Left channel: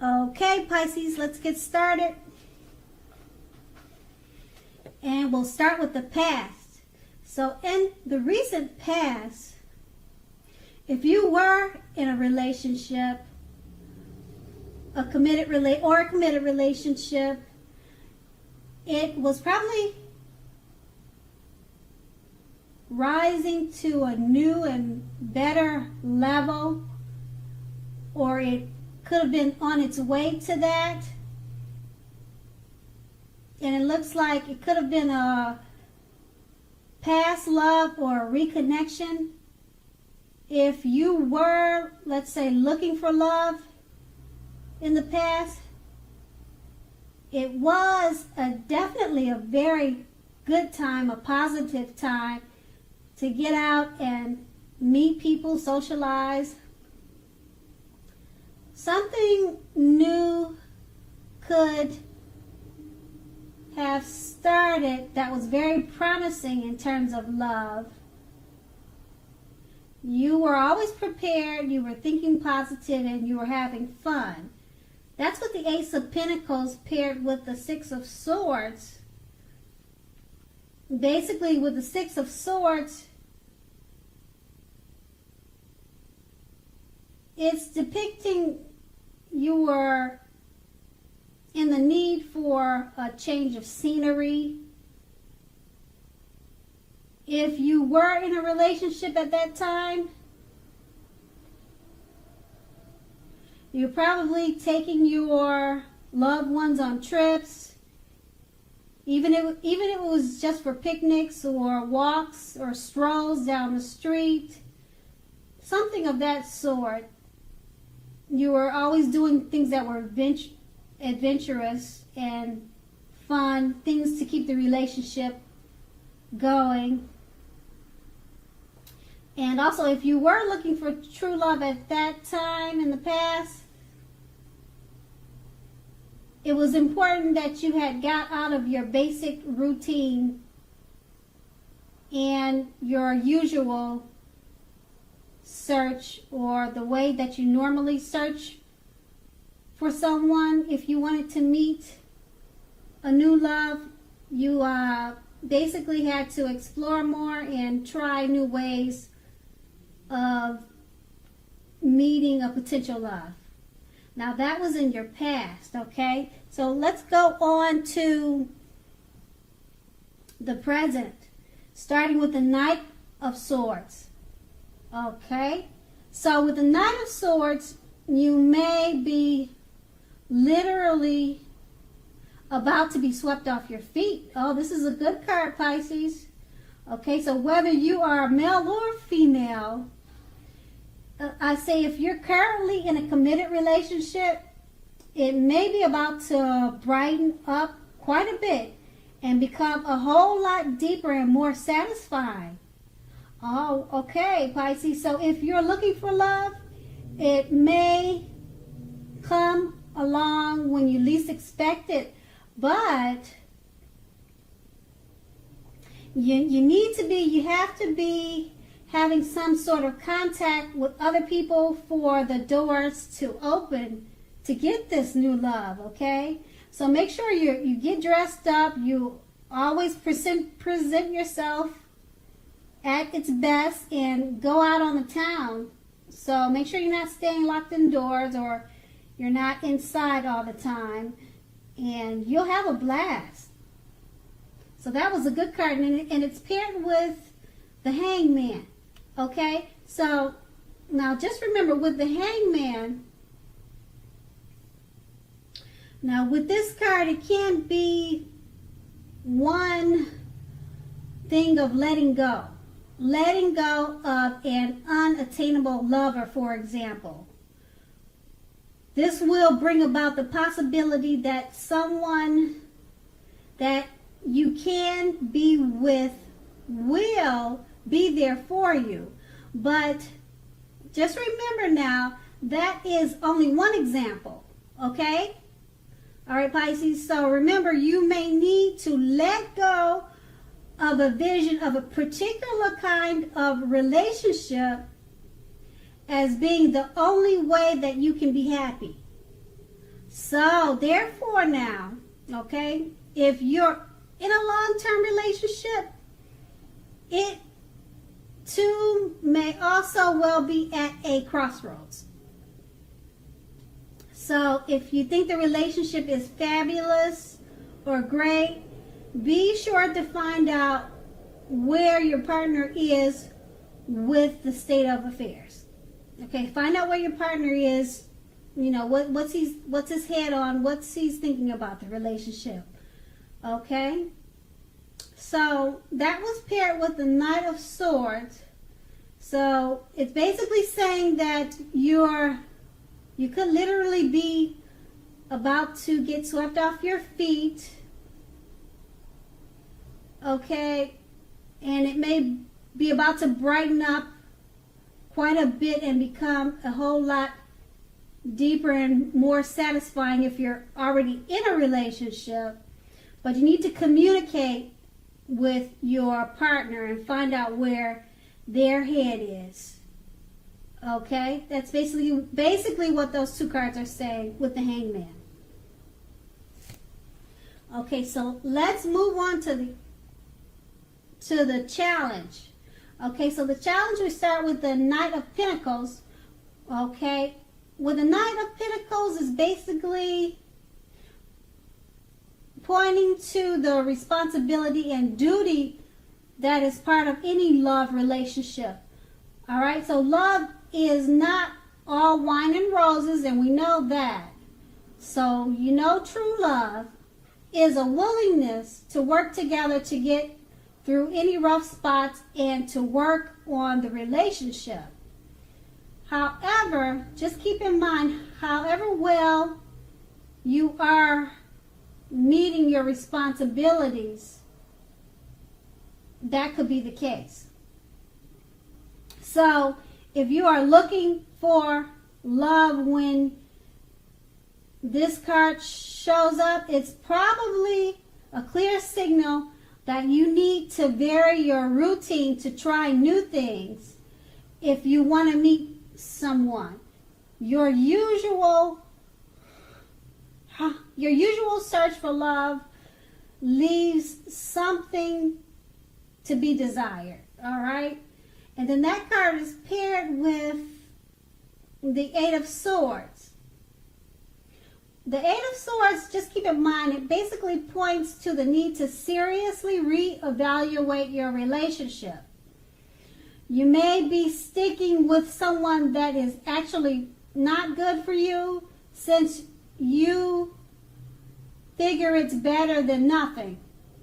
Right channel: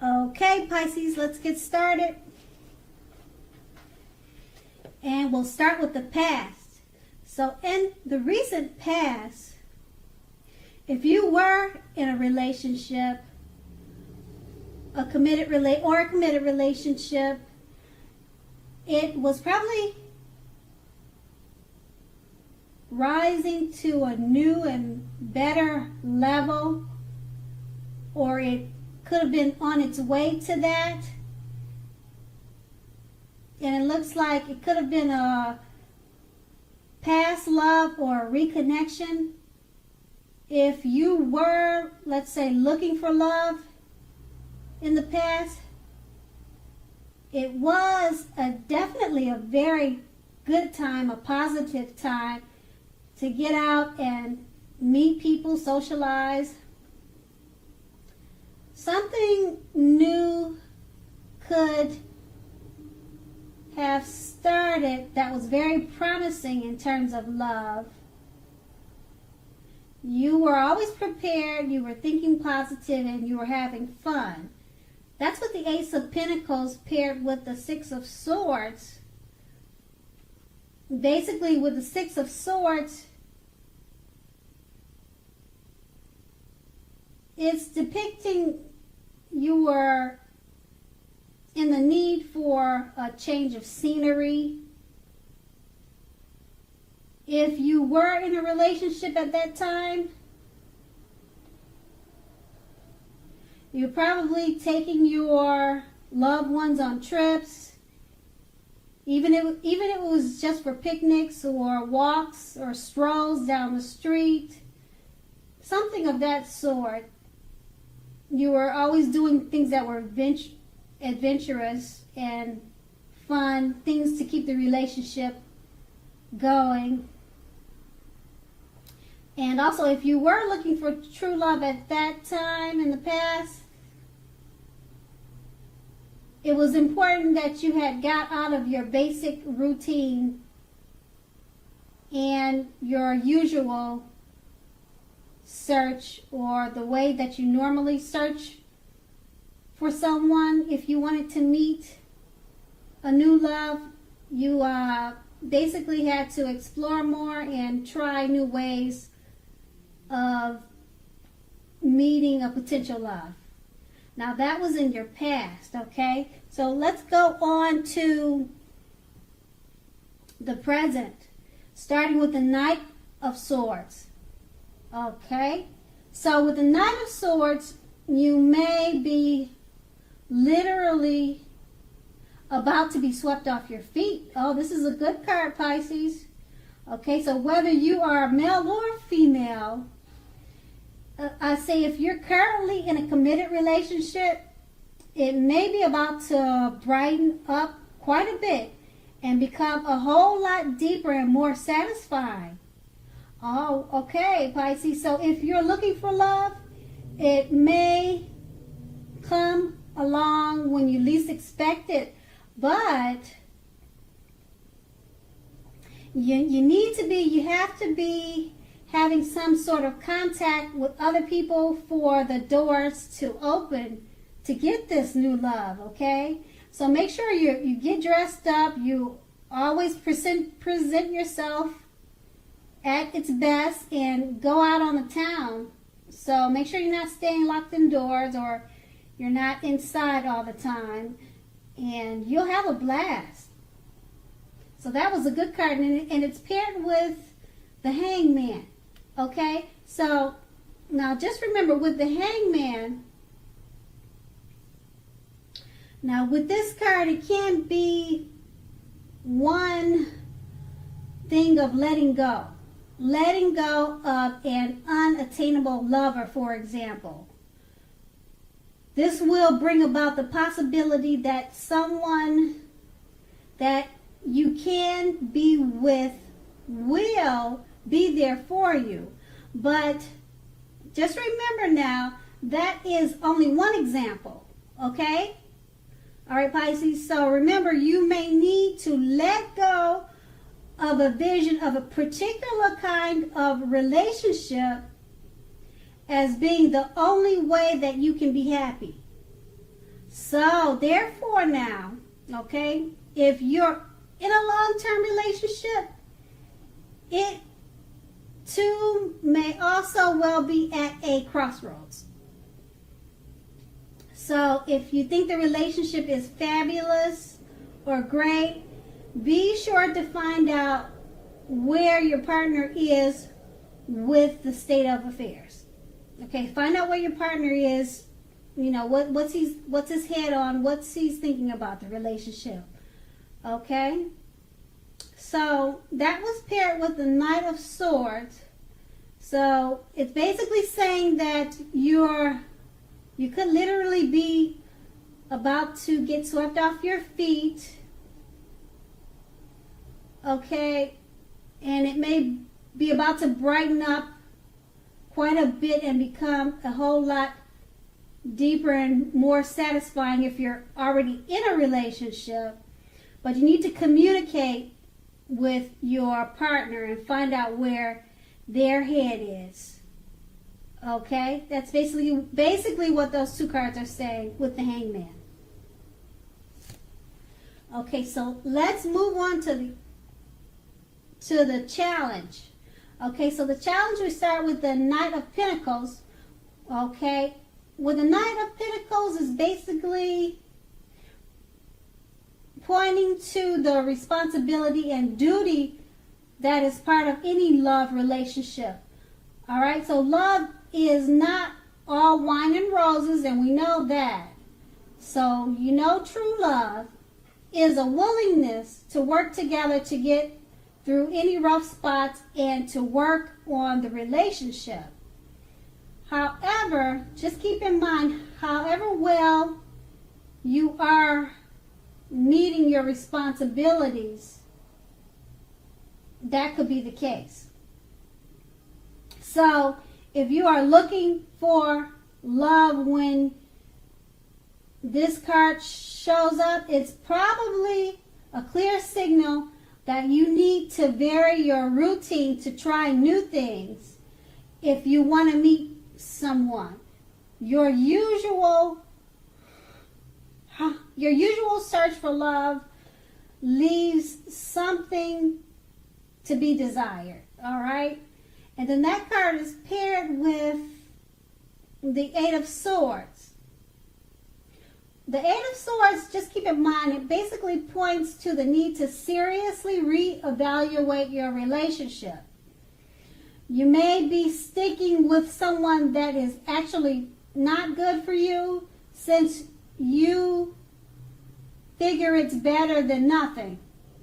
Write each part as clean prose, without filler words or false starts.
Okay, Pisces, let's get started. And we'll start with the past. So in the recent past, if you were in a relationship, a committed relationship, it was probably rising to a new and better level, or it could have been on its way to that. And it looks like it could have been a past love or a reconnection. If you were, let's say, looking for love in the past, it was definitely a very good time, a positive time to get out and meet people, socialize. Something new could have started that was very promising in terms of love. You were always prepared, you were thinking positive, and you were having fun. That's what the Ace of Pentacles paired with the Six of Swords. Basically, with the Six of Swords, it's depicting you were in the need for a change of scenery. If you were in a relationship at that time, you're probably taking your loved ones on trips, even if it was just for picnics or walks or strolls down the street, something of that sort. You were always doing things that were adventurous and fun, things to keep the relationship going. And also, if you were looking for true love at that time in the past, it was important that you had got out of your basic routine and your usual search, or the way that you normally search for someone. If you wanted to meet a new love, you basically had to explore more and try new ways of meeting a potential love. Now that was in your past, okay? So let's go on to the present, starting with the Knight of Swords. Okay? So with the Knight of Swords, you may be literally about to be swept off your feet. Oh, this is a good card, Pisces. Okay, so whether you are male or female, I say if you're currently in a committed relationship, it may be about to brighten up quite a bit and become a whole lot deeper and more satisfying. Oh, okay, Pisces. So if you're looking for love, it may come along when you least expect it. But you have to be having some sort of contact with other people for the doors to open to get this new love, okay? So make sure you get dressed up, you always present yourself at its best, and go out on the town. So make sure you're not staying locked indoors, or you're not inside all the time, and you'll have a blast. So that was a good card, and it's paired with the Hangman. Okay, so now just remember with the Hangman, now with this card, it can't be one thing of letting go. Letting go of an unattainable lover, for example. This will bring about the possibility that someone that you can be with will be there for you. But just remember now, that is only one example, okay? All right, Pisces, so remember, you may need to let go of a vision of a particular kind of relationship as being the only way that you can be happy. So, therefore now, okay, if you're in a long-term relationship, it too may also well be at a crossroads. So, if you think the relationship is fabulous or great, be sure to find out where your partner is with the state of affairs. Okay, find out where your partner is. You know, what's his head on, what's he's thinking about the relationship. Okay? So that was paired with the Knight of Swords. So it's basically saying that you could literally be about to get swept off your feet. Okay? And it may be about to brighten up quite a bit and become a whole lot deeper and more satisfying if you're already in a relationship. But you need to communicate with your partner and find out where their head is. Okay? That's basically what those two cards are saying with the Hangman. Okay, so let's move on to the challenge. Okay, so the challenge, we start with the Knight of Pentacles. Okay? Well, the Knight of Pentacles is basically pointing to the responsibility and duty that is part of any love relationship. All right, so love is not all wine and roses, and we know that. So, you know, true love is a willingness to work together to get through any rough spots and to work on the relationship. However, just keep in mind, however well you are meeting your responsibilities, that could be the case. So, if you are looking for love when this card shows up, it's probably a clear signal that you need to vary your routine to try new things if you want to meet someone. Your usual search for love leaves something to be desired. All right? And then that card is paired with the Eight of Swords. The Eight of Swords, just keep in mind, it basically points to the need to seriously reevaluate your relationship. You may be sticking with someone that is actually not good for you since you figure it's better than nothing.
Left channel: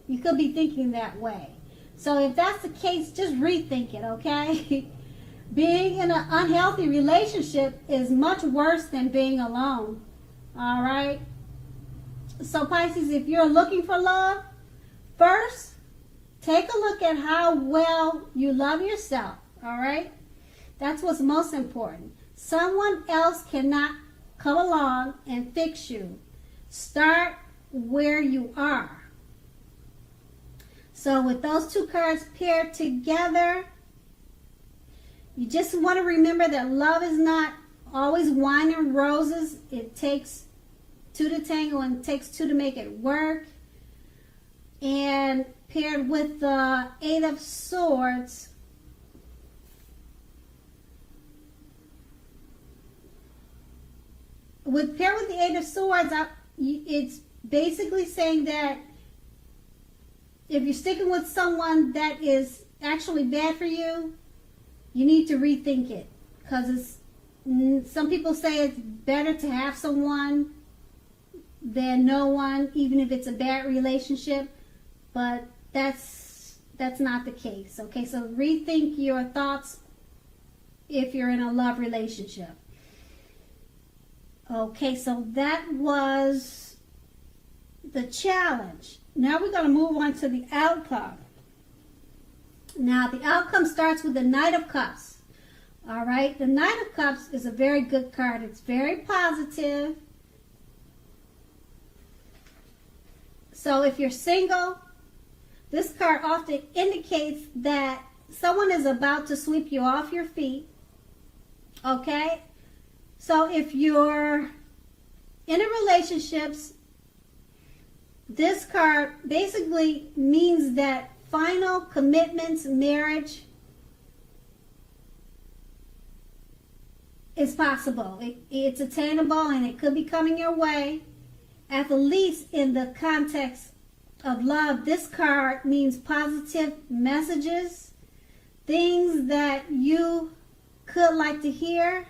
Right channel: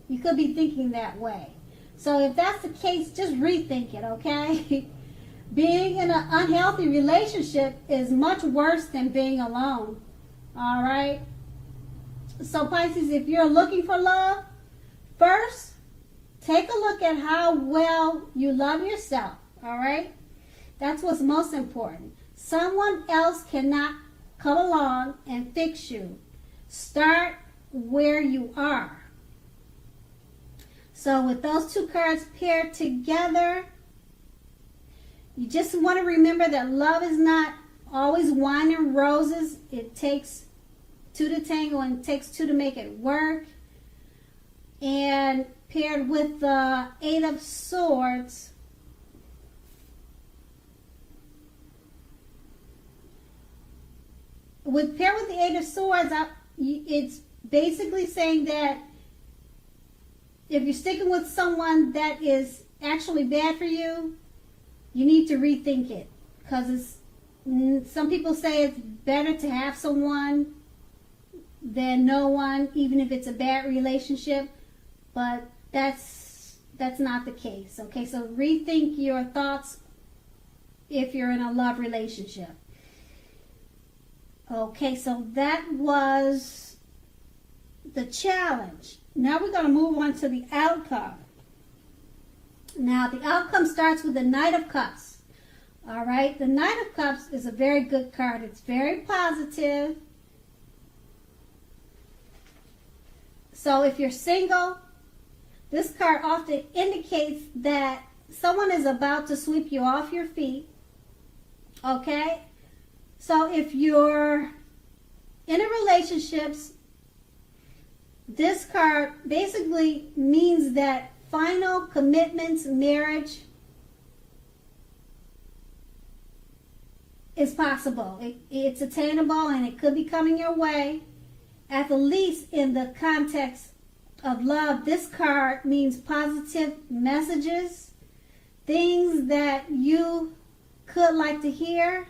You could be thinking that way. So if that's the case, just rethink it, okay? Being in an unhealthy relationship is much worse than being alone. All right? So Pisces, if you're looking for love, first, take a look at how well you love yourself. All right? That's what's most important. Someone else cannot come along and fix you. Start where you are. So with those two cards paired together, you just want to remember that love is not always wine and roses. It takes two to tango and it takes two to make it work. And paired with the Eight of Swords, paired with the Eight of Swords, it's basically saying that if you're sticking with someone that is actually bad for you, you need to rethink it. Because some people say it's better to have someone than no one, even if it's a bad relationship. But that's not the case. Okay, so rethink your thoughts if you're in a love relationship. Okay, so that was the challenge. Now we're going to move on to the outcome. Now the outcome starts with the Knight of Cups. All right, the Knight of Cups is a very good card. It's very positive. So if you're single, this card often indicates that someone is about to sweep you off your feet. Okay? So if you're in a relationships, this card basically means that final commitments, marriage is possible. It's attainable and it could be coming your way. At the least in the context of love, this card means positive messages, things that you could like to hear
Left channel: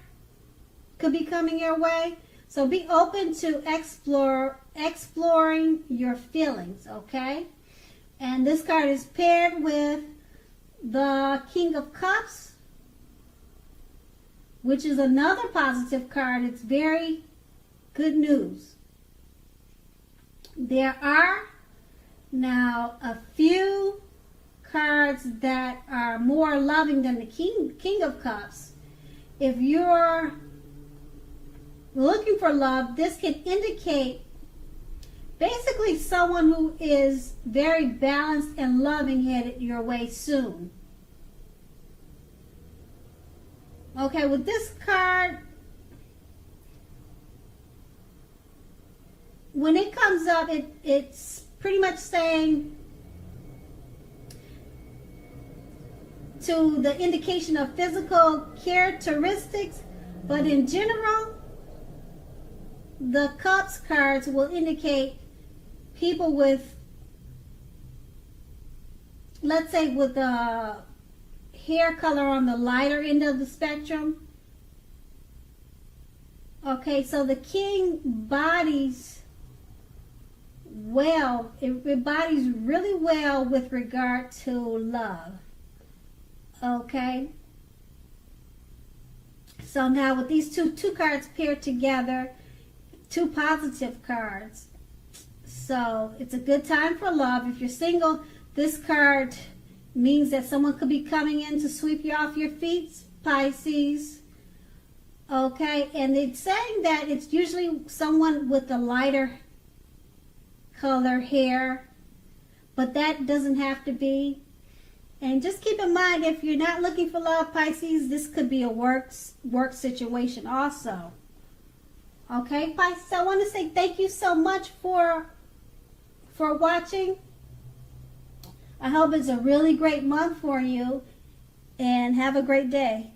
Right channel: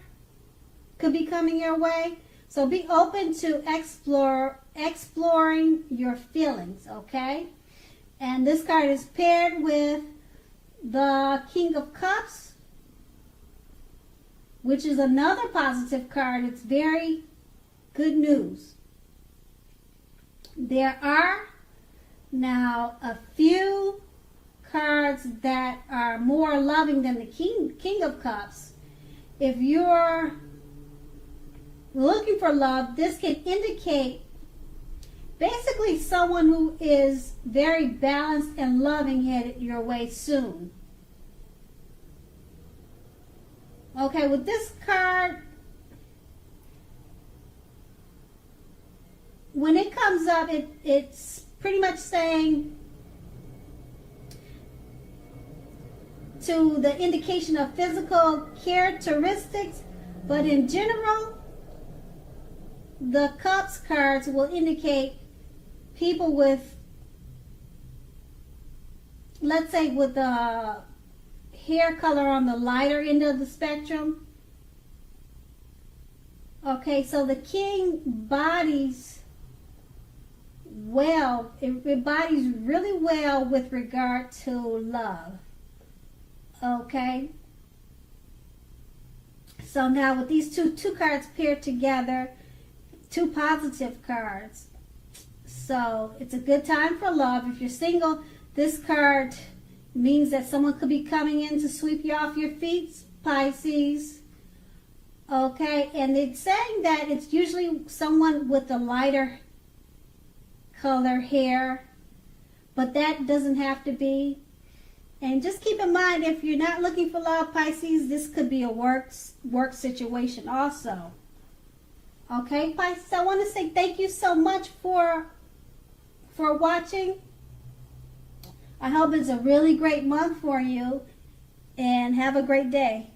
could be coming your way. So be open to exploring your feelings, okay? And this card is paired with the King of Cups, which is another positive card. It's very good news. There are now a few cards that are more loving than the King of Cups. If you're looking for love, this can indicate basically someone who is very balanced and loving headed your way soon. Okay, with this card, when it comes up, it's pretty much saying to the indication of physical characteristics, but in general, the Cups cards will indicate people with, let's say, with a hair color on the lighter end of the spectrum. Okay, so the King bodies well, it bodies really well with regard to love. Okay, so now with these two cards paired together, two positive cards, so it's a good time for love. If you're single, this card means that someone could be coming in to sweep you off your feet, Pisces. Okay, and it's saying that it's usually someone with a lighter color hair, but that doesn't have to be. And just keep in mind, if you're not looking for love, Pisces, this could be a work situation also. Okay, Pisces, I want to say thank you so much for watching. I hope it's a really great month for you, and have a great day.